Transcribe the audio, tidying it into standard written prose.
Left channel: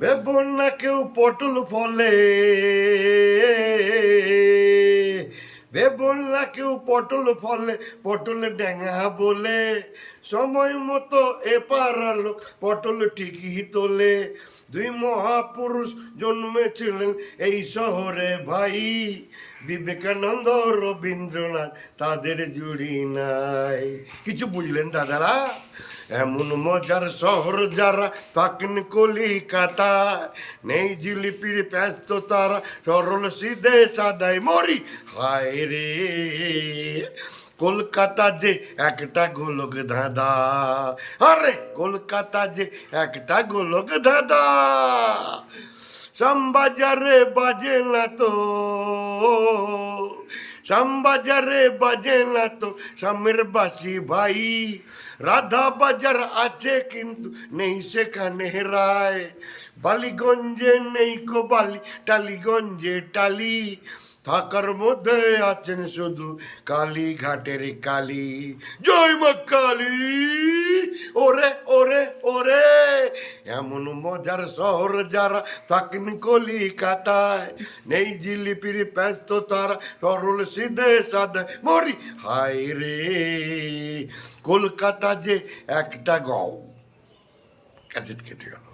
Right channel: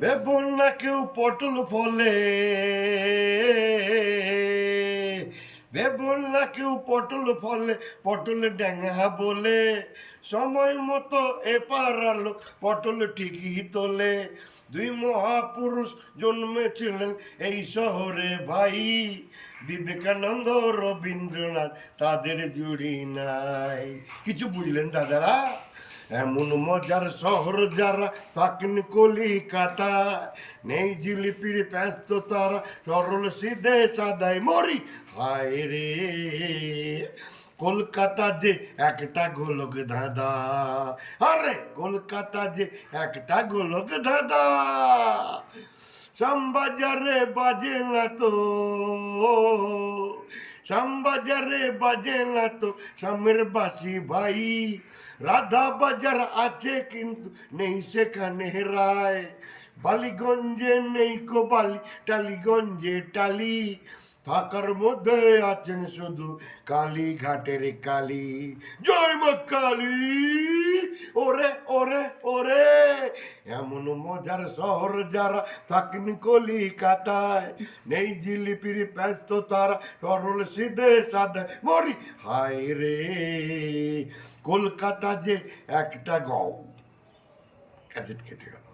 Bevon না কেউ পটল ফলে, বেবন না কেউ পটল ফলে, পটল ড্যাঙা বলে সময় মতো এপার আলো পটল ঠিকই তোলে। দুই মহাপুরুষ জন্মেছিলেন এই শহরে ভাই, বিবেকানন্দ রবীন্দ্রনাথ, তাদের জুড়ি নাই। কিছু বুঝলেন দাদারা? এমন মজার শহর যারা থাকেন কলিকাতায়, নেই জিলিপির ব্যস্ত তারা, সরল সিধে সাদাই মরি হায় রে। কলকাতা যে একটা গোলক ধাঁধা, আরে কলকাতা যে একটা গোলক ধাঁধা। শ্যামবাজারে বাজে না তো, শ্যামবাজারে বাজে না তো শ্যামের বাসি ভাই। রাধা বাজার আছে কিন্তু নেই সেখানে রায়। বালিগঞ্জে নেই কো বালি, টালিগঞ্জে টালি, থাকার মধ্যে আছেন শুধু কালীঘাটের কালী। জয় মা কালী। ওরে ওরে ওরে, এমন মজার শহর যারা থাকেন কলিকাতায়, নেই জিলিপির ব্যস্ত তারা, সরল সিধে সাদা মরি হায় রে। কলকাতা যে একটা গাঁও। ক্যাসেট কেটে গেল।